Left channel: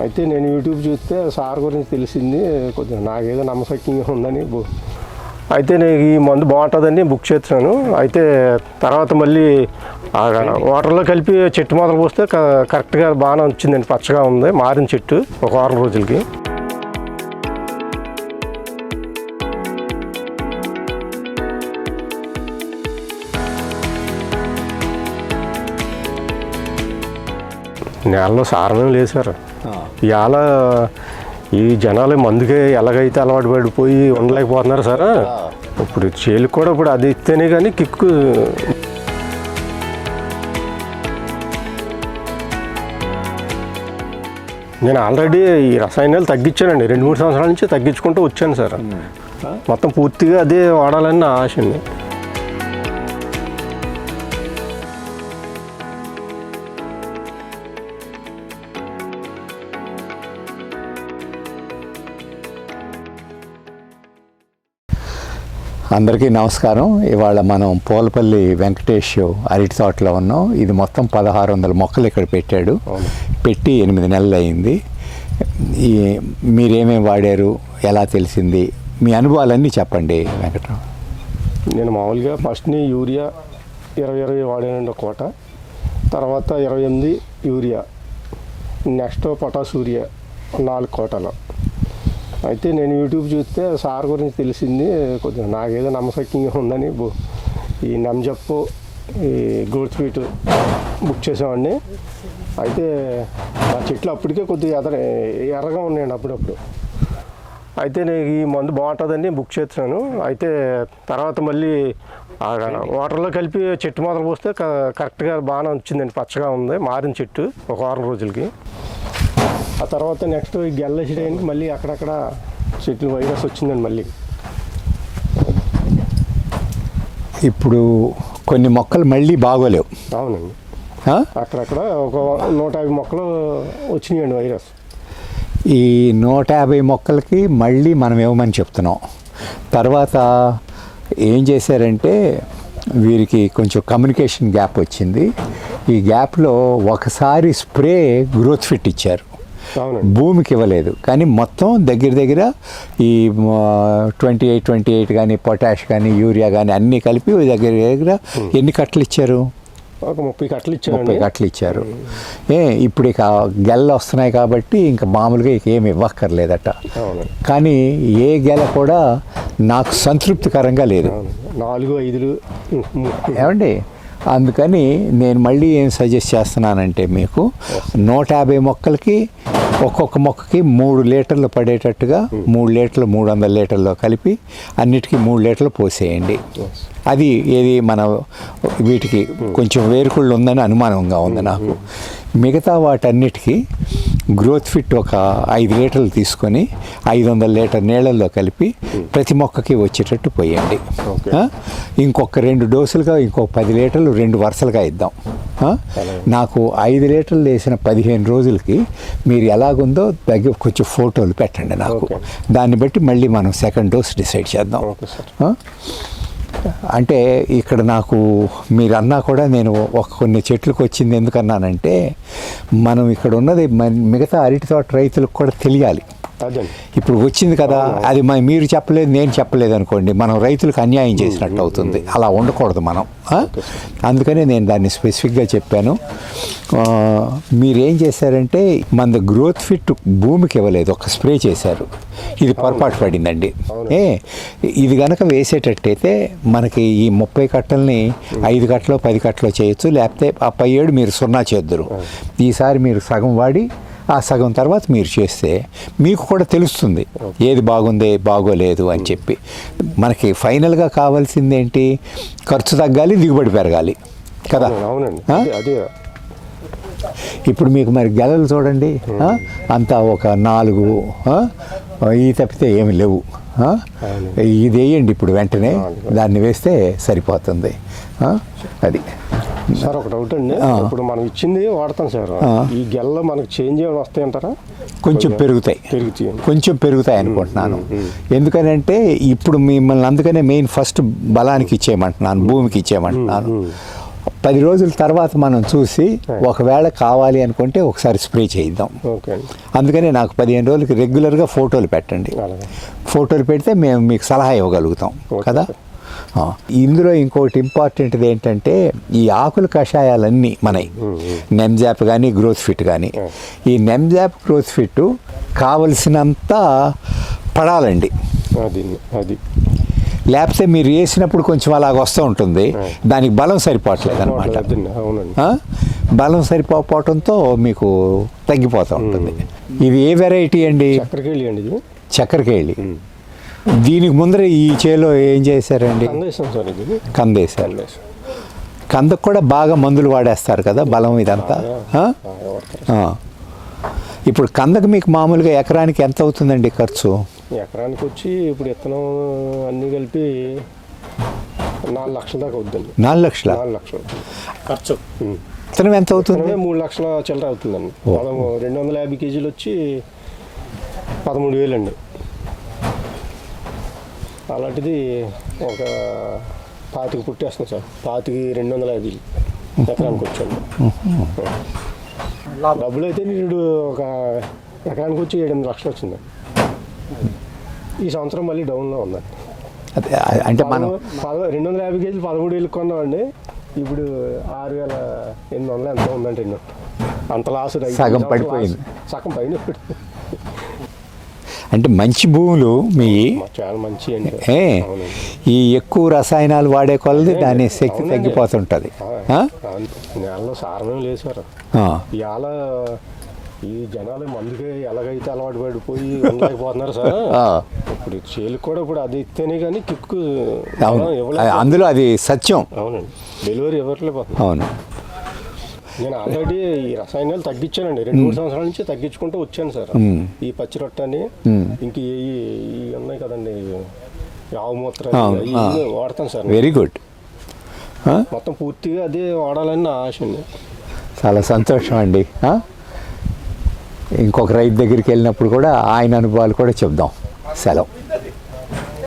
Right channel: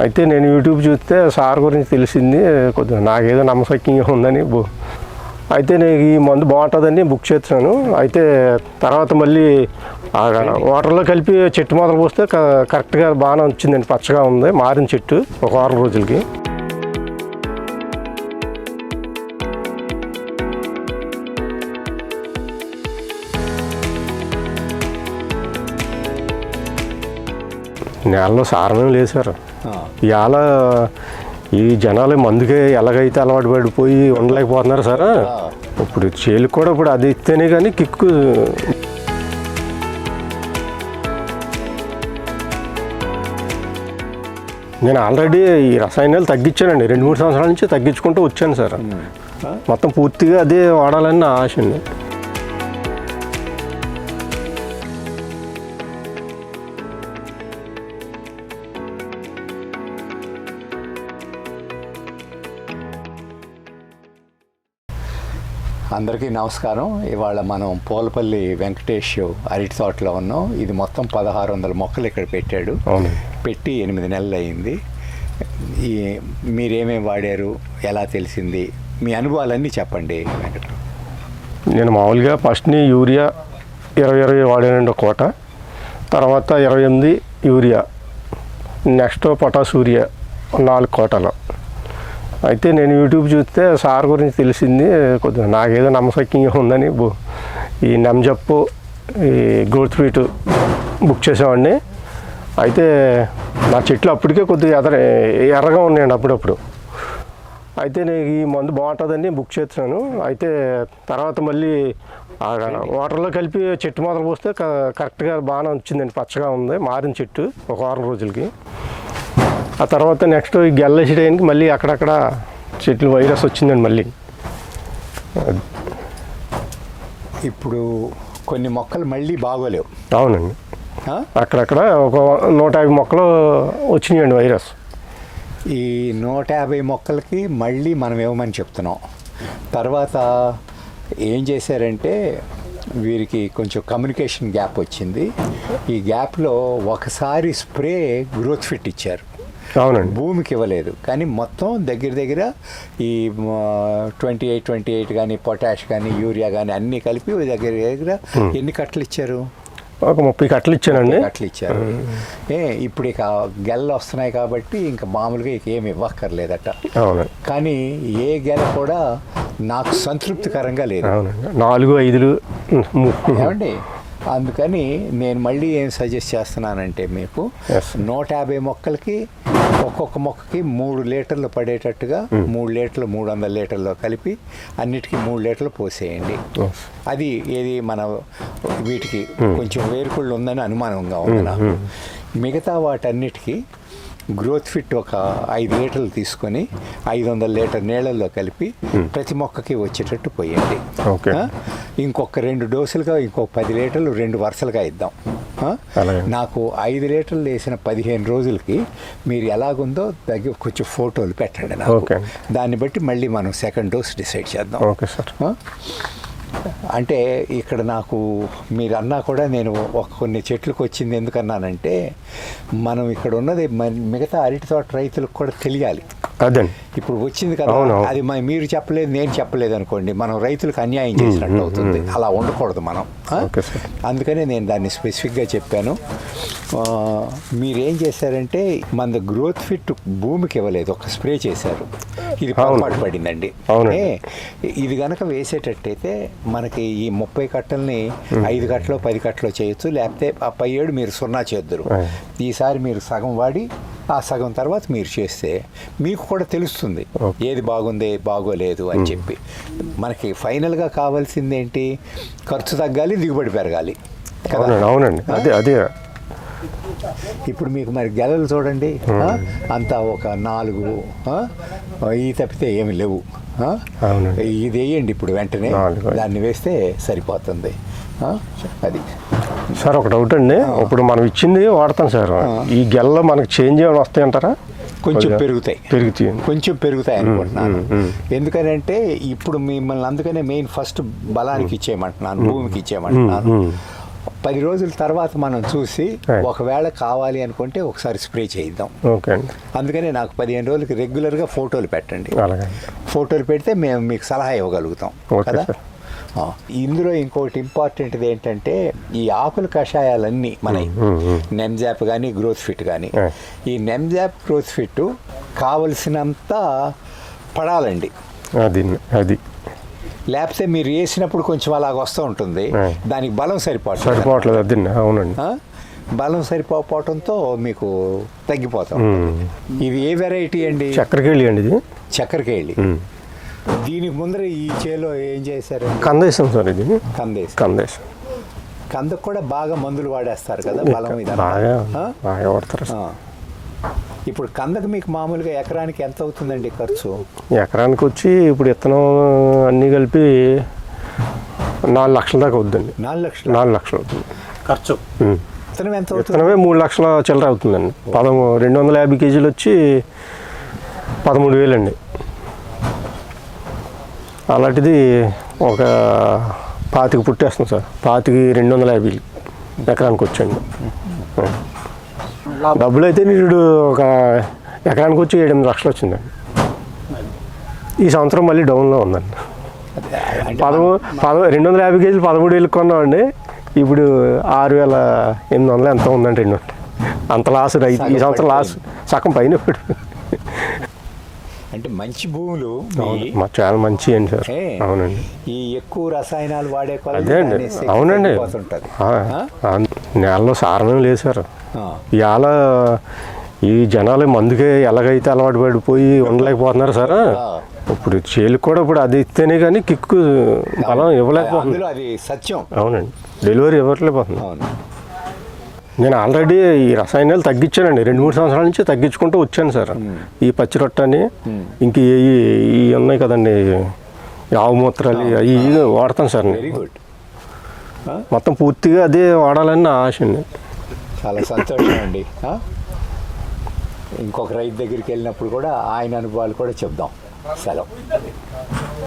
అయితే నేను యూట్యూబ్ చూస్తే సార్ గురించి తెలిసింది కొద్దిగా నాకేదో నమ్మశక్యంగా ఉందని బు- అయితే నేను ఈ మందు బాగుంటుందని బుక్ చేస్తున్నాను. అయితే తర్వాత మళ్ళీ వాటర్లో కలిపి చెట్టు మొదలు పోస్తే క- కరెక్ట్గా బాగానే వచ్చిందండి పచ్చగా ఉంది మారిన చెట్టు ఒక వారం రోజులకి. నేలలో సారణం లేదు సార్. ఇవాళ ఈ జనాలు మందుకే ఎలాగైతే అలవాటు పడిపోయి ఉండలేకపోతున్నారు సార్. ఇప్పుడు చేలు కూడా ఇప్పుడు అది ఇస్తేనే కానీ కిక్కు. నేను ఆల్రెడీ ఈ రసాయనాలు తగ్గించానండి. రెండు మూడు సంవత్సరాల నుంచి తగ్గించుకుంటూ వచ్చాను సార్. మొత్తం పూర్తిగా అదే వాడాలని నా ఆశ అండి. అందరికీ నమస్కారం. ఇవాళ మనం పోలపల్లి వెంకటేష్ అరటి తోటలో ఉన్నాం. ఇది మొత్తం పదహారు వందల మొక్కలు ఇక్కడ పెట్టాడు. పెట్టి ఎనిమిది నెలలు అయింది. ఈ మీరేమేమి వాడారు? ఎలా తెలిసింది? మీ అనుభవాలన్నీ చెప్పండి వెంకటరావు. నేను మామూలుగా ఫస్ట్ని యూరియా ఇరవై ఇరవై వాడానండి ఒక కోట. తర్వాత ఇరవై ఎనిమిది యూరియా. నెక్స్ట్ పొటాస్ యూరియా నాలుగు కోటలు. అయితే నేను యూట్యూబ్ చూస్తే సార్ గురించి తెలిసింది కొద్దిగా. నాకేదో నమ్మశక్యంగా ఉందని బు- ఈ నెంజప్పు ఈ గ్రోత్ ఫీట్ బుక్ చేసామండి అయితే నా చెట్లు అప్పటికే కొద్దిగా ఎదర ఎర్రగా ఉన్నాయండి అప్పుడప్పుడు. అయితే నేను ఈ మందు బాగుంటుందని బుక్ చేస్తున్నాను. అయితే తర్వాత మళ్ళీ వాటర్లో కలిపి చెట్టు మొదలు పోస్తే క- కరెక్ట్గా బాగానే వచ్చిందండి. పచ్చగా ఉంది. మారిన చెట్టు ఒక వారం రోజులకి. ఆ తర్వాత నెక్స్ట్ ఈ గెల్లేసి టైంకి మళ్ళీ అక్కడక్కడ చెట్లు వైరస్ వచ్చిందండి మళ్ళీ. ఇప్పుడు కొన్ని మొక్కలు మళ్ళీ బాగోలేవు. అవునండి? అక్కడక్కడ ఒక నూట యాభై మొక్కలు వచ్చినాయండి వైరస్. ఈ నూట యాభై మొక్కలకి మళ్ళీ మనం ఇవ్వమని చెప్తున్నాం. తర్వాత ఏం చేశారంటే వీరికి కొంచెం కమ్యూనికేషన్ గ్యాప్ వచ్చింది. ఈ గ్యాప్లో ఒకసారి స్ప్రే గ్రోత్ ఫిట్ ఇచ్చారు అవునండి. భూమికి ఇవ్వలేదు. కానీ మొత్తం దగ్గర దగ్గర ఈ ట్వంటీ ఎయిట్ ట్వంటీ ఎయిట్ కానీ పొటాష్ కానీ యూరియా కానీ అన్నీ కలిపి దగ్గర దగ్గర ఎన్ని కట్టలు ఇచ్చారు? ఒక ముప్పై కట్టలు ఇచ్చానండి ముప్పై కట్టలు ఇచ్చారు. ఏ ఇప్పుడు ఇక గెల్ల వస్తున్నాయి కాబట్టి ఇంకా మామూలుగా ఇక ఏమి ఇవ్వక్కర్లేదట. కానీ ఏ గెల కూడా నాకు సంతృప్తికరంగా లేదు. నాలుగు ఐదులు. ఏమండి? అందుకని నేను మళ్ళీ ఏం సజెస్ట్ చేస్తున్నానంటే మీకు. నూట యాభై మొక్కలకి ఒక్కొక్క మొక్కకి మూడు లీటర్లు పడేటట్టుగా మూడు లీటర్లు మూడు వందల లీటర్లు కలిపి అన్నిటికీ మూడు లీటర్లు పోసేయండి. అది ఏది మన వీటికి కొంచెం వేరుకుళ్ళు ఉందని అనుమానంగా ఉంది నాకు. మిగతా వాటన్నిటికీ గ్రోత్ ఫిట్ ఒక ఐదు లీటర్లు తీసుకొని ఐదు వందల లీటర్ నీళ్ళల్లో కలిపి ప్రతి మొక్కకి వచ్చేటట్టు పోయండి? ఇంకొక రెండు డోసులుగా ఇంకో పది లీటర్లు రెండు వరుసలుగా ఇద్దాం. నాకు ఐదు లీటర్లు వేసిన పదిహేను రోజులకి మీరు ఎలాగుందో దగ్గర కొంచెం ఫోటోలు పెట్టండి నాకు. దాన్ని బట్టి మళ్ళీ మనం సెకండ్ డోస్ డిసైడ్ చేద్దాం ఓకే సార్? అంటే ఇక్కడ నాకు మీరు అన్నా కూడా నేను ఒక కొన్ని చెట్లకు వచ్చింది ఎందుకన్నానంటే మనం ఇక్కడ ఉన్నది మిగతా అరటి తోట రైతులకు కూడా తెలియాలి ఇప్పుడు వచ్చింది కదా. అది మీరు చెప్పలేదు నేను చెప్పలేదు అనుకోండి మనం రైతులకు అన్యాయం చేసినట్టు అవుతుంది. అలా ఉండకూడదు మనం. అందుకనే నేను దాన్ని స్పెసిఫిక్గా చెప్పాను. మీరేం చేశారంటే మన గ్రోత్ ఫిట్ భూమికి ఇవ్వలేదు ఒక స్ప్రే చేశారు. ఇది పొరపాటు పడిందండి. ఇది గనక వేసేటట్టయితే మనకి ఈ ముప్పై కట్టల్ని ఐదు కట్టలో పది కట్టలో చేయొచ్చు లేకపోతే ఆ పై ఏడు మీరు సున్నా చేద్దరు. ఈసారి మీరు సగం వాడి ఆ సగం తర్వాత మీరు చేస్తే మీకు కూడా తెలుస్తుంది ఏది బాగుంది బాగోలేదు అని చెప్పి. మనకి ఫైనల్గా కావాల్సింది ఏంటి ఖర్చు తగ్గాలి దిగుబడి పెరగాలి. కదా? అవునండి? అదే అదే. ఇప్పుడు మీకు మరి గెలలు చూడండి? అంతా ఒక నాలుగు? ఈ తప్పితే ఏమి లేవు. ఇది వేయండి ఇప్పుడు వెంటనే. దాన్ని వేస్తే సరిపోతుంది? అది. సార్ ఒక డౌట్ అండి. ఇప్పుడు మనం ఇచ్చింది వాడతాం సార్. ఈ గెల్ల మనకు చేంజ్ ఏమైనా వస్తాయంటారా? కొంచెం పెరుగుతాయి. పెరుగుతాయి. కొంచెం పెరుగుతాయి అనుకుంటున్నాను. ఎందుకనంటే ఇప్పుడు మిమ్మల్ని అందుకనే మెయిన్ ఫస్ట్ బలానికి ఇచ్చేయమంటున్నాను భూమికి ఇచ్చేయమంటున్నాను. పది రోజుల తర్వాత మనం చూసి. ఒకవేళ కావాలి అనుకుంటే ఒకసారి స్ప్రే చేయిద్దాం. అందుకని నాకు పదిహేను రోజులకి రెగ్యులర్గా ఫోటోలు పెట్టండి. ఫోటోలు పెడితే మేము మీకు సలహా ఇవ్వగలుగుతాం. కదా? ఇందులో ఇంకోటి ఇంపార్టెంట్ది ఏంటంటే ఈ ఆకుల కషాయాలన్నీ మనవి నెమ్జాప్ కానీ గ్రోత్ ఫిట్ కానీ. ఈ నెమ్జాప్ గ్రోత్ ఫిట్ కావలసినంత పడాలండి. అది అది. లేకపోతే మీరు వేసినప్పుడు కొంచెం అలాగ వస్తూ ఉంటుంది. దానికి బలం సరిపోవట్లేదు అవునండి? బలం సరిపోవటంతో మీకు తగ్గిపోతా ఉంటుంది. ఇది ఏ వెరైటీ అండి? చక్కెరకేళి అండి ఇది. చక్కెరకేళి. దీనికి ముందర ఈ చేలో ఏం చేశారండి? కందేశం సార్ ఇది. కందేశం. కందేశం. కందకు కూడా బాగా మందులు వాడేస్తారు కదా బలం ఇదంతా. ఇప్పుడు కందకు మీకు మామూలుగా ఎకరానికి ఎంత అవుతుందండి ఖర్చు? ఎకరానికి వచ్చి ఇప్పుడు ఇత్తనం అన్నీ కలిపి నాలుగు లక్షల దాకా అవుద్దండి. నాలుగు లక్షల? నాలుగు లక్షలు అవుతుంది. ఖర్చు. ఉమ్. విత్తనం ఎంత అవుతుంది? మూడు లక్షల చిల్లర అవుతుందండి. పదమూ రెండు వందల యాభై కేజీలు వచ్చి పదమూడు వేలు అండి అలాంటిది ఒక పాతికి పుట్టేస్తుంది సార్. పాతికి రెండు వందల యాభై ఎకరానికి వచ్చండి డబ్బులు అయితే నీడు ఒక ఎకరానికి వచ్చి ఏడెనిమిది లక్షలు వచ్చిందండి ఈ సంవత్సరం మళ్ళీ డౌన్లో ఉందండి. పదమూ పద రెండు వందల యాభై కేజీలు పదమూడు వేలు కొన్నామండి. ఇప్పుడు ఆరు వేల ఎనిమిది వందలు ఎంత ఉందండి రెండు. అంత లాస్ రైతు ఈ సంవత్సరం లాస్. సగం పైన ఇప్పుడు. అంటే మంచి భూములు మీ చాలా మంచి ఈ ఎక్కువ రసాయనాలు వాడే కొలది. దాని శక్తి. తగ్గిపోతుంటుంది. నేలలో లేదు సార్. ఇవాళ ఈ జనాలు మందుకే ఎలాగైతే అలవాటు పడిపోయి ఉండలేకపోతున్నారు సార్. ఇప్పుడు చేలు కూడా ఇప్పుడు అది ఇస్తేనే కానీ కిక్కు. ఇవ్వలేదు అందులో అది సత్యం. అవునండి. డెలివరీ ఇవ్వట్లేకపోతుంది అవును. నేను ఆల్రెడీ ఈ రసాయనాలు తగ్గించానండి. రెండు మూడు సంవత్సరాల నుంచి తగ్గించుకుంటూ వచ్చాను సార్. ఈ పచ్చి రొట్టని ఇంక ఈ ఉన్నాయి కదండి. ఆవు మూత్రాలు అవి వాడతాను సార్. వెరీ గుడ్ మొత్తం పూర్తిగా అదే వాడాలని నా ఆశ అండి. చాలా సంతోషం అండి? ఇంకొక రైతు దగ్గరికి వెళ్ళినప్పుడు కూడా ఆయన అనుభవాలు కూడా చెప్దాం. సెలవు.